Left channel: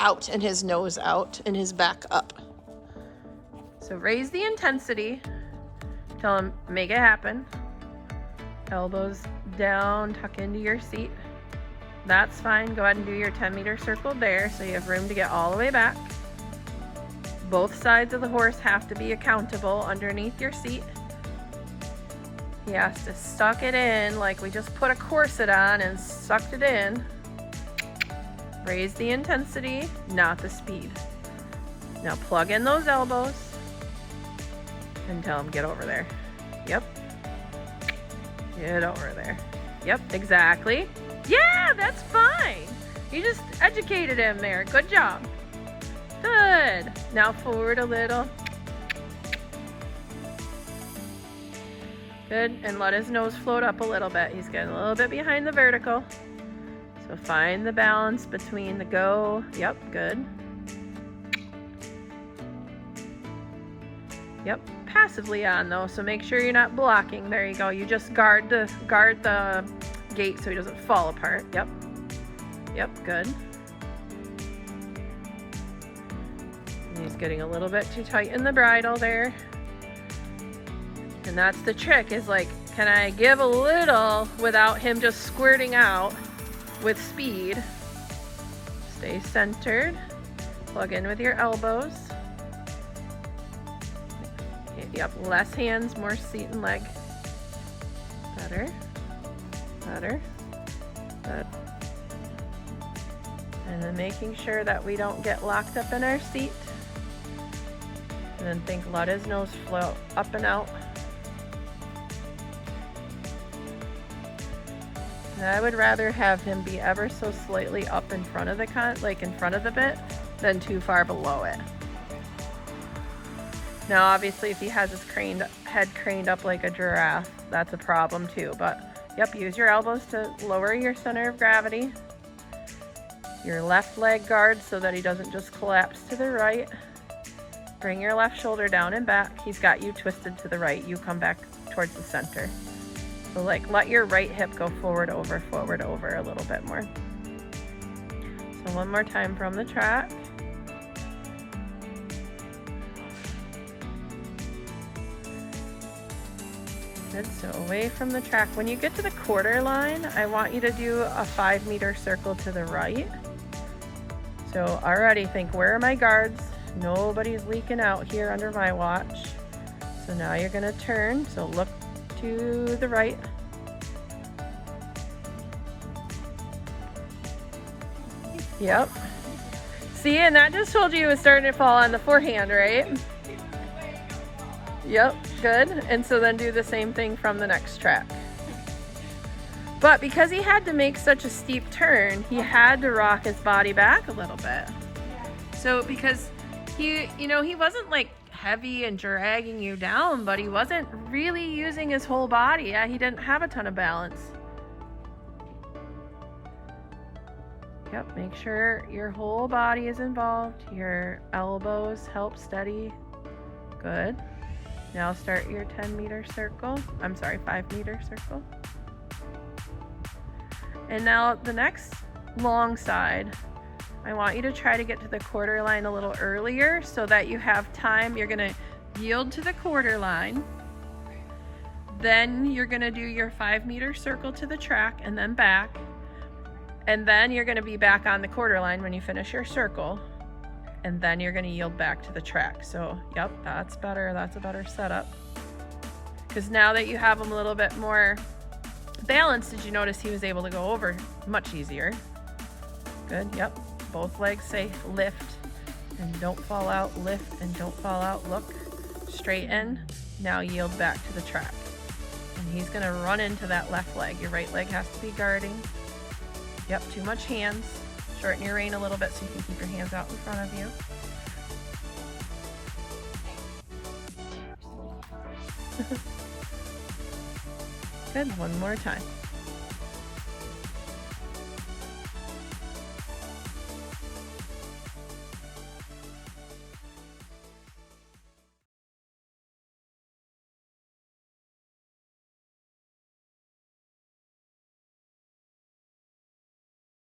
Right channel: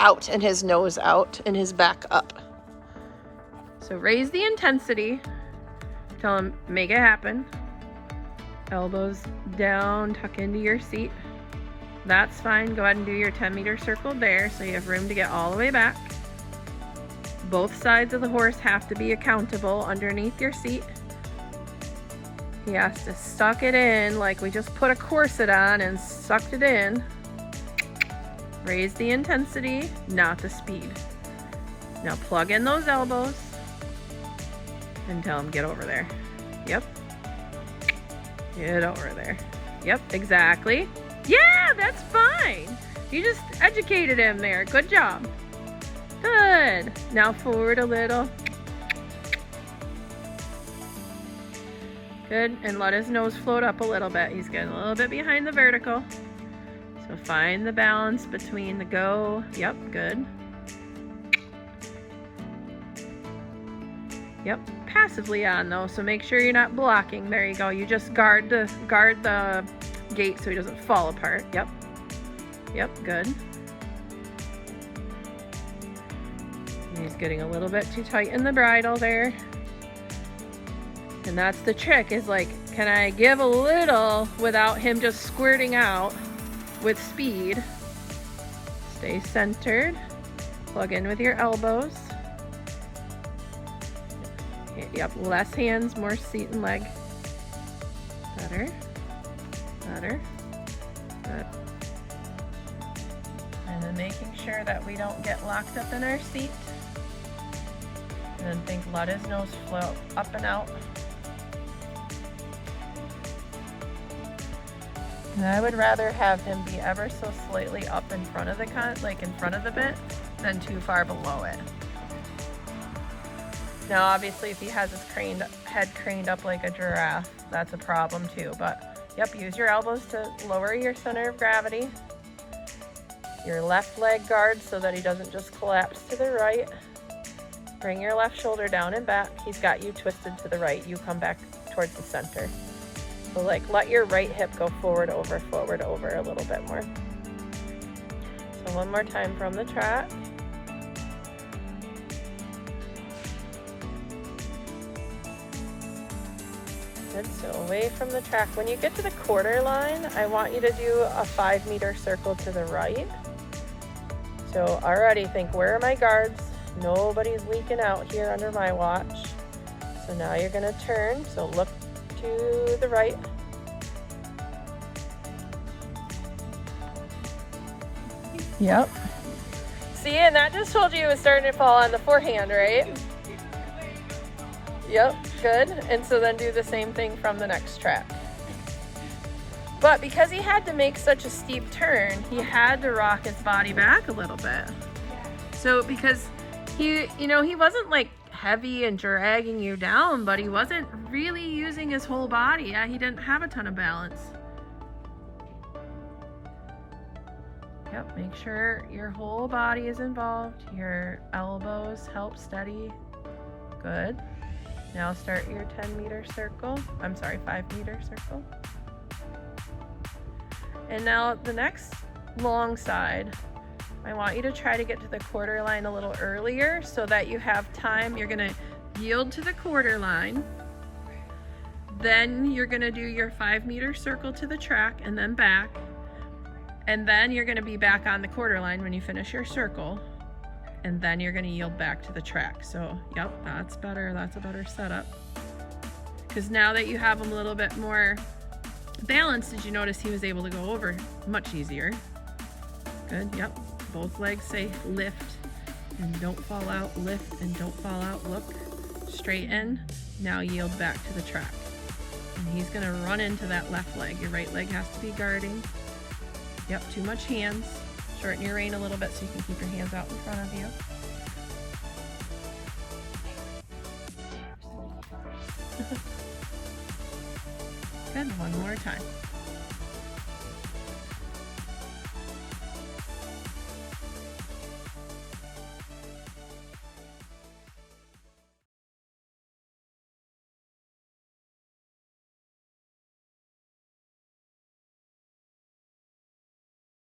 out and his nose out and his back up. So raise the intensity. Tell him, make it happen. Elbows down, tuck into your seat. That's fine. Go ahead and do your 10-meter circle there so you have room to get all the way back. Both sides of the horse have to be accountable underneath your seat. He has to suck it in like we just put a corset on and sucked it in. Raise the intensity, not the speed. Now plug in those elbows and tell him, get over there. Yep. Get over there. Yep, exactly. Yeah, that's fine. You just educated him there. Good job. Good. Now forward a little. Good, and let his nose float up a little bit. He's getting a little bit behind the vertical. So find the balance between the go. Yep, good. Yep, passively on though, so make sure you're not blocking. There you go. You just guard the gate so he doesn't fall apart. Yep. Yep, good. And he's getting a little bit too tight in the bridle there. And that's the trick, is like, can I give a little without him just squirting out with speed? Stay centered. Plug in with your elbows. Yep, less hands, more seat and leg. Better. Better. Good. And then making sure that we don't get locked up in our seat. And then think, let his nose float up and out. And I would rather have him be ever so slightly up in front of the like in front of the bit, than too far below it. Now obviously if he has his head craned up like a giraffe, that's a problem too. But yep, use your elbows to lower your center of gravity. Your left leg guard so that he doesn't just collapse to the right. Bring your left shoulder down and back. He's got you twisted to the right. You come back towards the center. So like let your right hip go forward, over a little bit more. So one more time from the track. Good, so away from the track. When you get to the quarter line, I want you to do a 5-meter circle to the right. So already think, where are my guards? Nobody's leaking out here under my watch. So now you're gonna turn, so look to the right. Yep. See, and that just told you it was starting to fall on the forehand, right? Yep, good. And so then do the same thing from the next track. But because he had to make such a steep turn, he had to rock his body back a little bit. So because he wasn't like heavy and dragging you down, but he wasn't really using his whole body. Yeah, he didn't have a ton of balance. Yep, make sure your whole body is involved. Your elbows help steady. Good. Now start your 10-meter circle. I'm sorry, 5-meter circle. And now the next long side, I want you to try to get to the quarter line a little earlier so that you have time. You're gonna yield to the quarter line. Then you're gonna do your 5-meter circle to the track and then back. And then you're gonna be back on the quarter line when you finish your circle. And then you're gonna yield back to the track. So, yep, that's better. That's a better setup. Because now that you have him a little bit more balanced, did you notice he was able to go over much easier? Good, yep. Both legs say lift and don't fall out, lift and don't fall out. Look, straighten, now yield back to the track. And he's gonna run into that left leg. Your right leg has to be guarding. Yep, too much hands. Shorten your rein a little bit so you can keep your hands out in front of you. Good, one more time.